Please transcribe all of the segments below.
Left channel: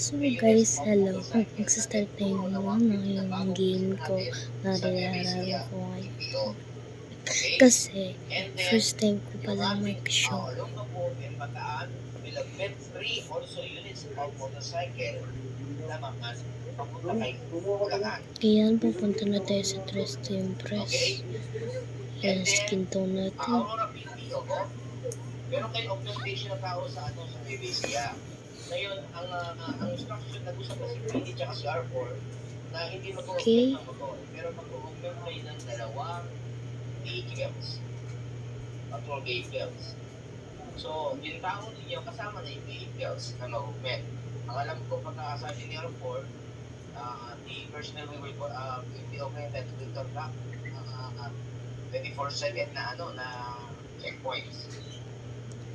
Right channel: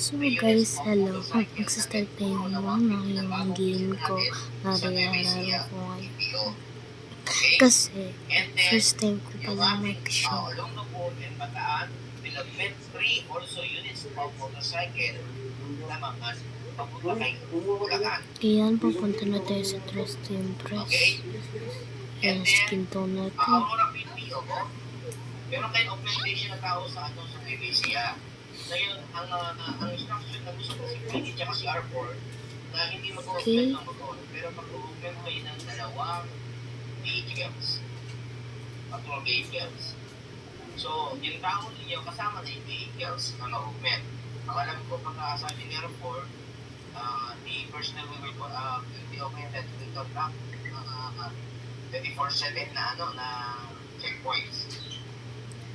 So guys, hello. Magsistart na yung game ko na nilalaro ko ngayon. Kasi, first time ko palang mag-show. Ayan, pupunta na tayo sa Tres Timbres. Ayan, skin tone natin. Meron kayong augmentation ng tao sa PVC. Ngayon, ang instruction na gusto ko si PD at si R4 na hindi mag-augment ng motor. Pero mag-augment kayo ng dalawang vehicles. Patrol vehicles. So, yung tao ninyo kasama na yung vehicles na mag-augment. Ang alam ko, pagkakasabi ni R4, the personnel will be augmented to the top 24/7 na checkpoints.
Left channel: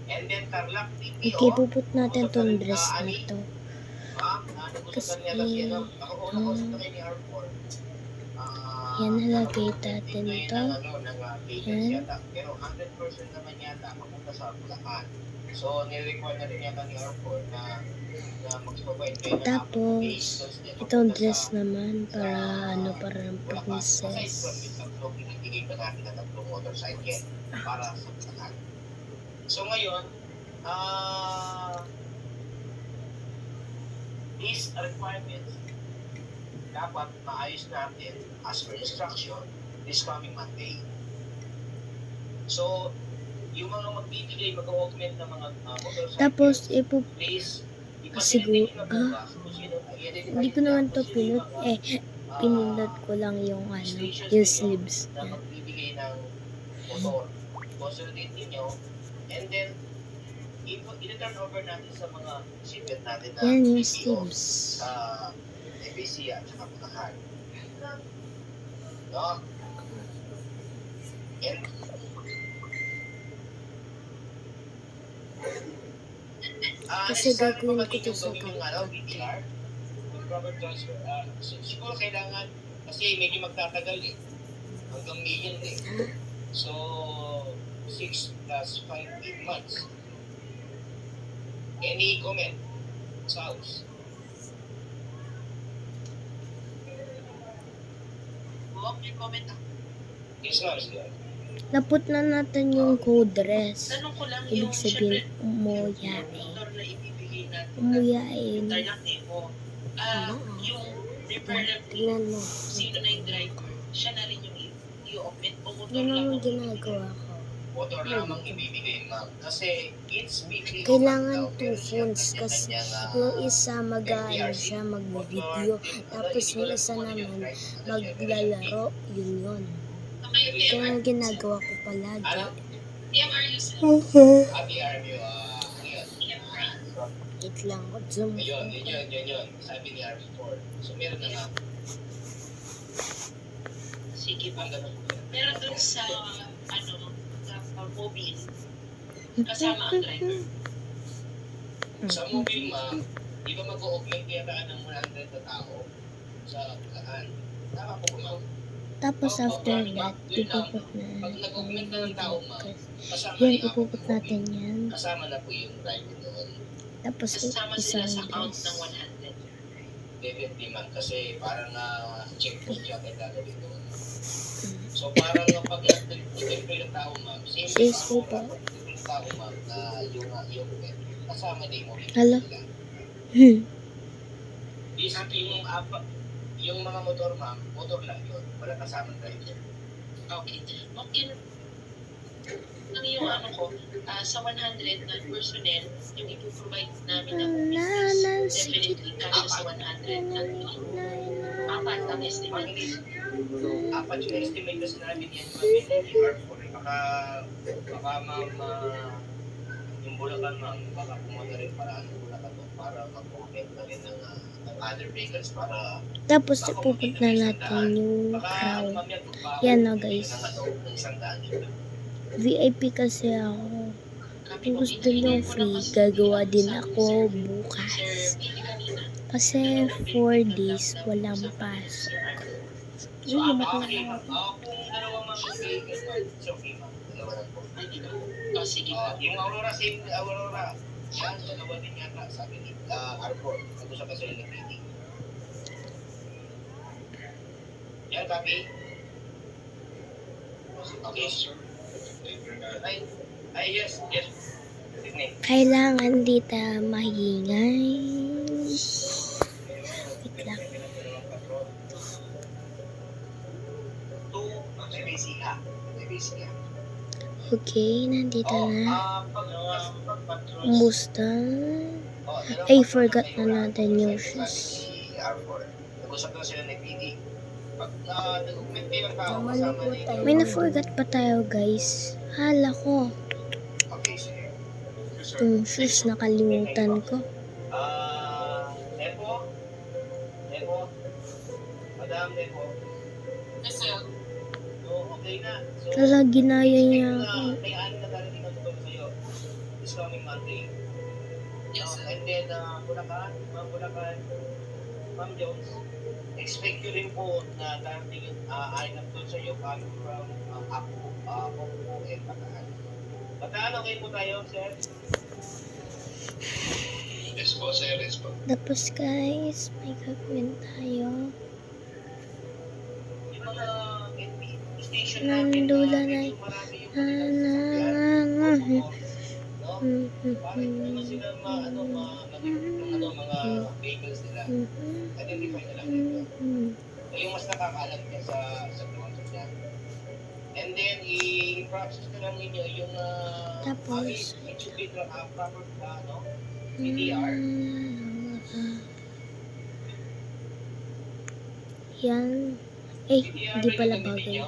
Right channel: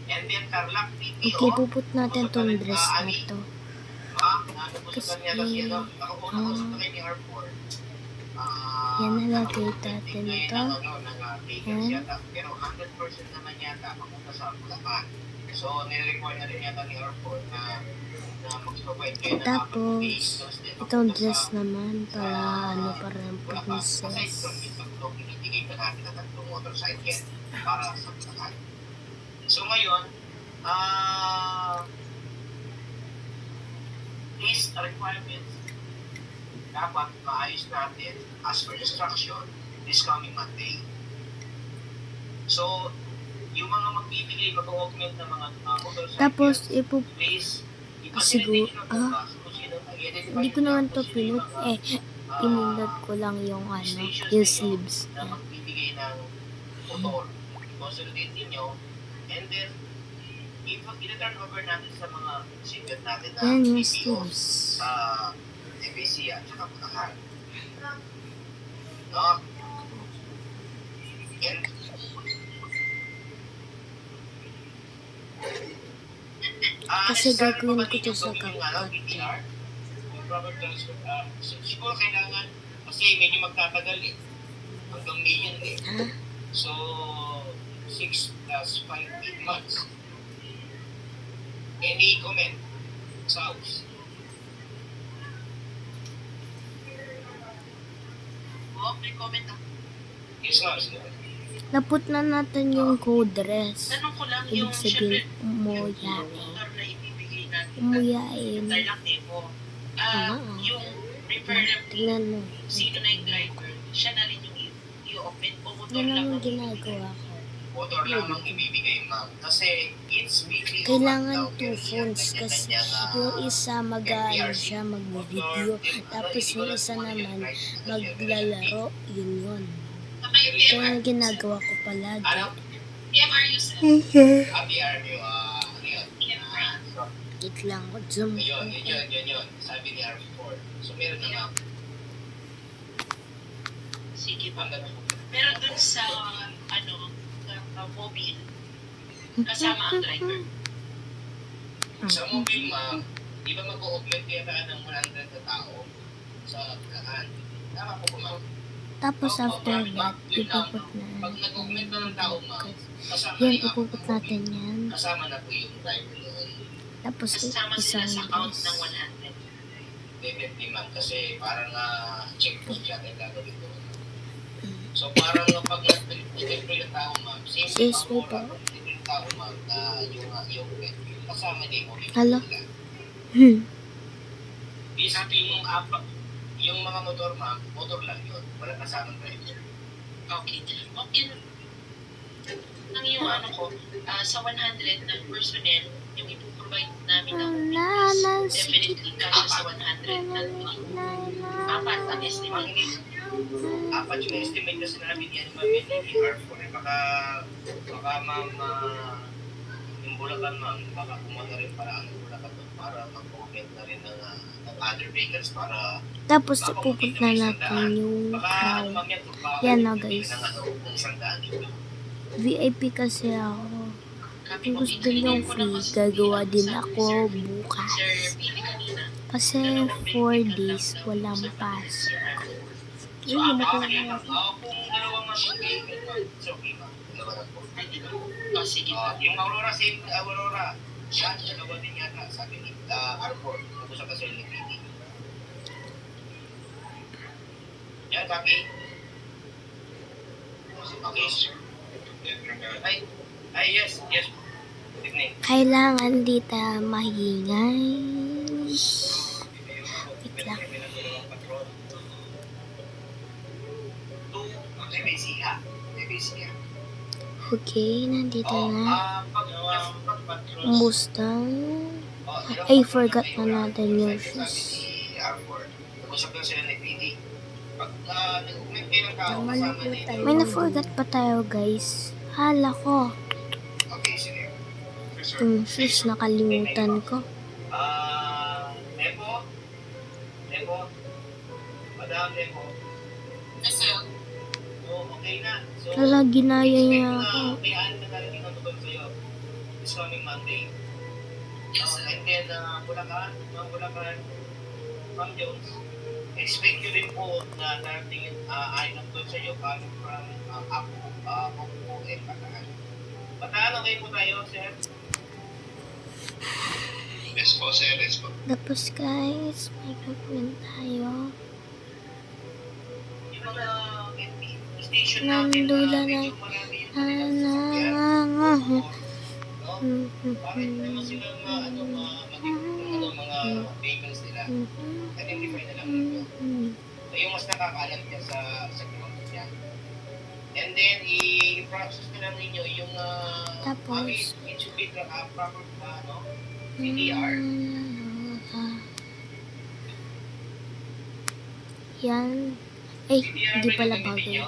And then Tarlac PTO. Okay, puput natin tong dress na to. Kasi, yan, nalagay natin to. Yan. Pero 100% naman yata papunta sa Bulacan. So, nire-require na rin yata ni R4 na mag-provide kayo ng tapos, itong dress naman para para ng princess. Para sa Bulacan. So ngayon, these requirements dapat maayos natin as per instruction this coming Monday. So, yung mga magbibigay, mag-augment ng mga motorcycle, tapos, siguro, hindi ko naman to pinut, pinindot ko lang yung yung sleeves na magbibigay ng motor. Consolidate ninyo. And then, i-turn over natin sa mga single natin na yan yung sleeves. FAC at saka Bulacan. No? And, kasi gagawin ko to sa kapatid. Siguro kailangan, kasi medyo magtatagal hanggang May yan So, 6 plus 5 months. Any comment? Sauce? May comment ako. Yes, Naput na natin yung code dress. Ibig sabihin, umuyain. Tingnan mo. Sino na yung driver? Siya na rin yung i-open o motor Yan lang ang ginagawa ko. Motor lamang ibibigay, ma'am. Kasi it's weekly. Kailangan 2 phones kasi yung isa siya mag-video. Tapos yung isa naman maglalaro. Yun. Kaya ang ginagawa ko palagi. Wait lang, zoom. Yun. Sabi ni R4. So meron na ma'am. Sige pa. Pero dun sa mobile, kasama ang driver. Sa mobile, ma'am, di ba mag-augment kaya ng 100 na tao sa daan? Tama po, ma'am. Tapos after that, ipuput na Pag nag-augment na ng tao, ma'am, yan, ipuput natin yan. kasama na po yung driver noon. Tapos isang dress. Definitely, ma'am, kasi parang checkpoint siya na gagawin ko. So parang pag nag-check yung tao, ma'am, same po. yung tao, ma'am, na yung kasama din mo. Hello? Di sabi yung mga motor, ma'am, motor lang yun. Wala kasama driver. Okay. Ang yung sa 100 na personnel, yung ipoprovide namin ng definitely kasi sa 100 na apat ang estimate. Apat yung estimate kasi namin yan, ma'am, R4. Baka ma'am, yung Bulacan, ma'am, baka pumunta rin para mag-open na rin ng other vehicles para Tapos ipuput na natin yung crown. Yan na guys. VIP kasi ako. Kung gusto nyo free, gagawa din ako bukas. Kasi 4 days, walang pasok. Yun, nakuha ako. Sige. Yung Aurora, Siya, dalawa din yata, sabi ni Arbor. Nag-usap kasi ng PD. Yan, copy. Okay. Yes. Good evening. Kailangan di tayo mahingay. Wait lang. Okay, nandito na. Kumusta? Ay, forgot na natin yung shoes. May na-forgot pa tayo, guys. Hala ko. Yung shoes, nakalimutan ko. Madam Lepo. Okay na. Hala, ginaya niya ako. May ano na talaga ng motor sa'yo. This coming Monday. And then, Bulacan, Ma'am Jones, expect you rin po na darating yung item doon sa'yo coming from Akpo and Bataan. Bataan, okay po tayo, sir? Yes po, sir. Yes po. Tapos, guys, may gagawin tayo. Yung mga station natin, Nandula na. bakit naman silang mga vehicles nila? Identify na lang nito. Yung mas nakakaalam niya sa process niya. And then, i-process na lang ninyo yung Tapos, it should be proper PDR. yan. Eh, hindi pala bagay.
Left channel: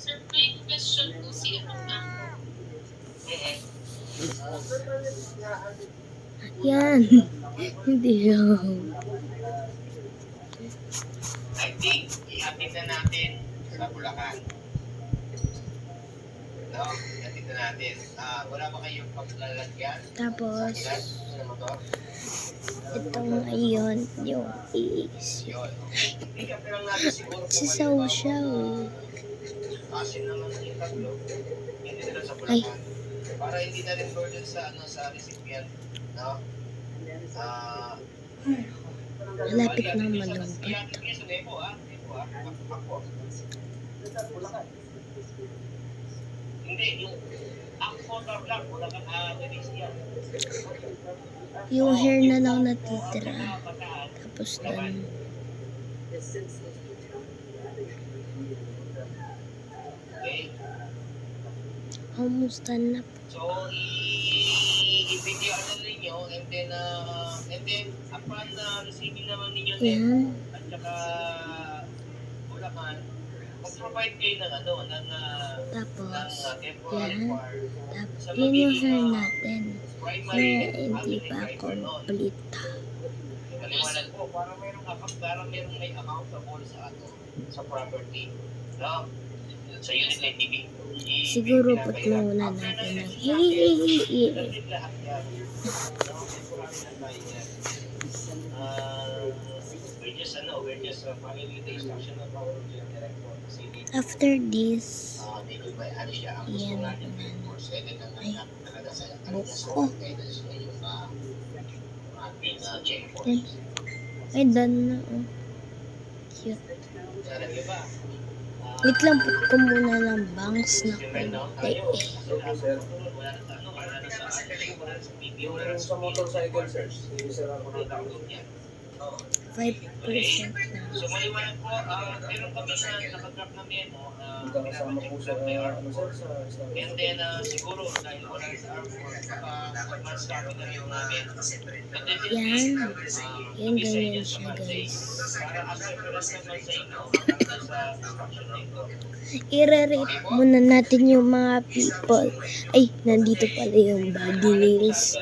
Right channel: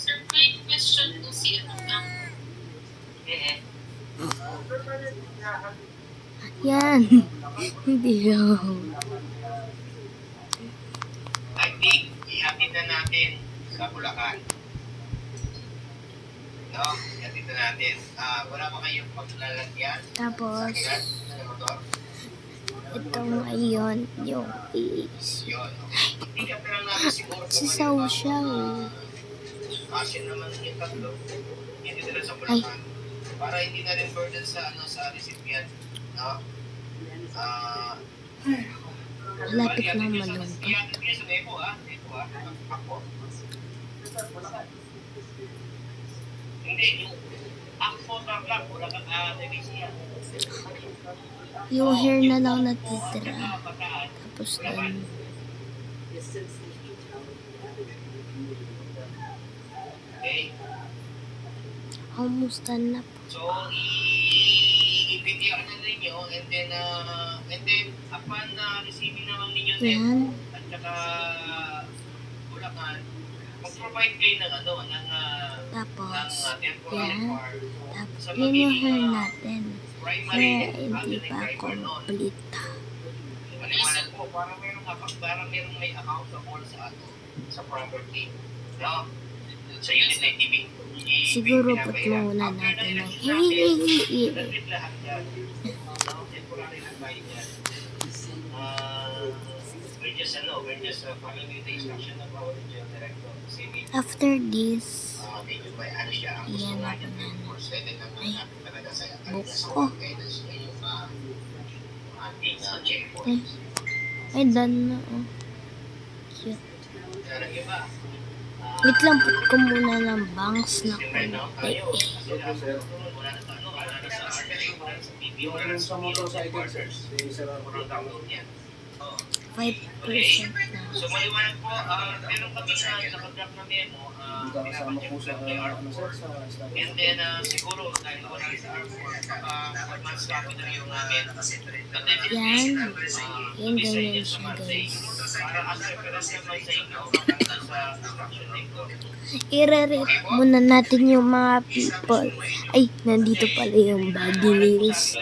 Sir, may question po si Yan. Hindi yun. I think, ihatid na natin sa Bulacan. No? Ihatid na natin. Wala pa kayong paglalagyan? Tapos, Sa motor? ito ngayon yung is. Yun. Ikat na lang natin siguro kung Si Saw-Saw. Kasi naman yung tatlo. Hindi na sa Ay. Bulacan. Para hindi na rin burden sa recipient. No? Malapit na malungkot. Hindi, yung Akpo Black, wala kang Nevesia. Yung hair na lang natitira. Tapos dun. Okay? Almost done na po. So, i-PDR na ninyo and then upon receiving naman ninyo Yan. at saka Bulacan, mag-provide kayo ng Tapos, temporary yan. bar. Tapos, yun yung hair natin. Hair, hindi pa complete. Maliwanag po, parang merong may account sa property. No? Sa unit na TV. Siguro put muna natin ng We're just following the instruction of our director. after this. Yan ako na. Ay, buko. Ay, ay done na. Oh. Cute. Wait lang, put ko muna ng bangs na konti. Yung sa motorcycle, sir, i-sara ko ng tao. 5% na. So maliwanag po, meron kami na nakadrap na memo. Hindi ka kasama po sa, sir, sa staff. And then, siguro, dahil wala rin sa airport, advance copy na yung namin. Yan. Yan, ganyan siya, guys. Para as reference naman sa inyo, sa instruction nito. I-rate muna natin yung mga people. Ay, nandito pala yung body nails.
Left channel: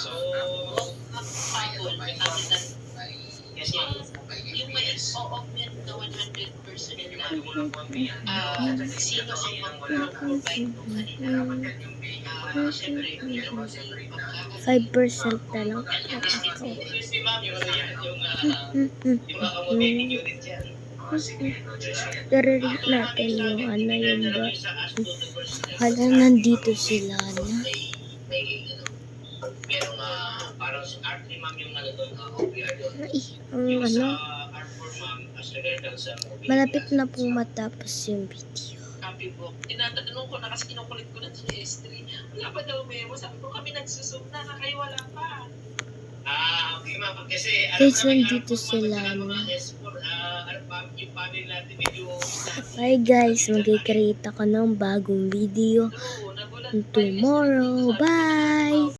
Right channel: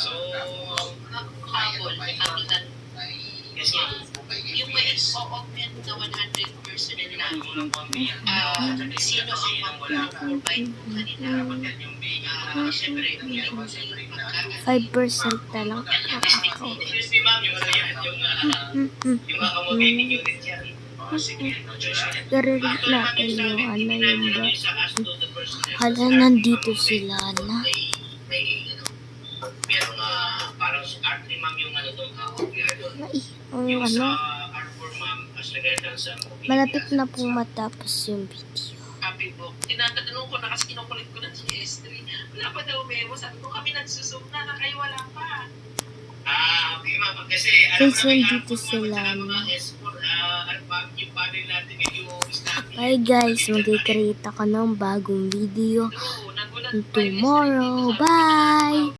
So, yung may augment na 100% nila, sino ang mag-provide po kanila? 5% na lang. ako. Excuse me, ma'am, yung ano yan, yung accommodating unit yan. I-read natin yung ano yung ba. Hala, nandito sila na. Merong parang R3, ma'am, yung ano doon, OPR doon. Ang Yung ano, sa R4, ma'am, as regarding sa malapit na pong matapos yung video. Copy book. Tinatanong ko na kasi kinukulit ko ng GS3. Wala pa daw memo. Sabi ko kami nagsusum na, kayo wala pa. Okay, ma'am, kasi Guys, nandito sila na. yung panel natin yung staff. Hi guys, mag-create ako ng bagong video Nagulat pa yun. tomorrow. Bye!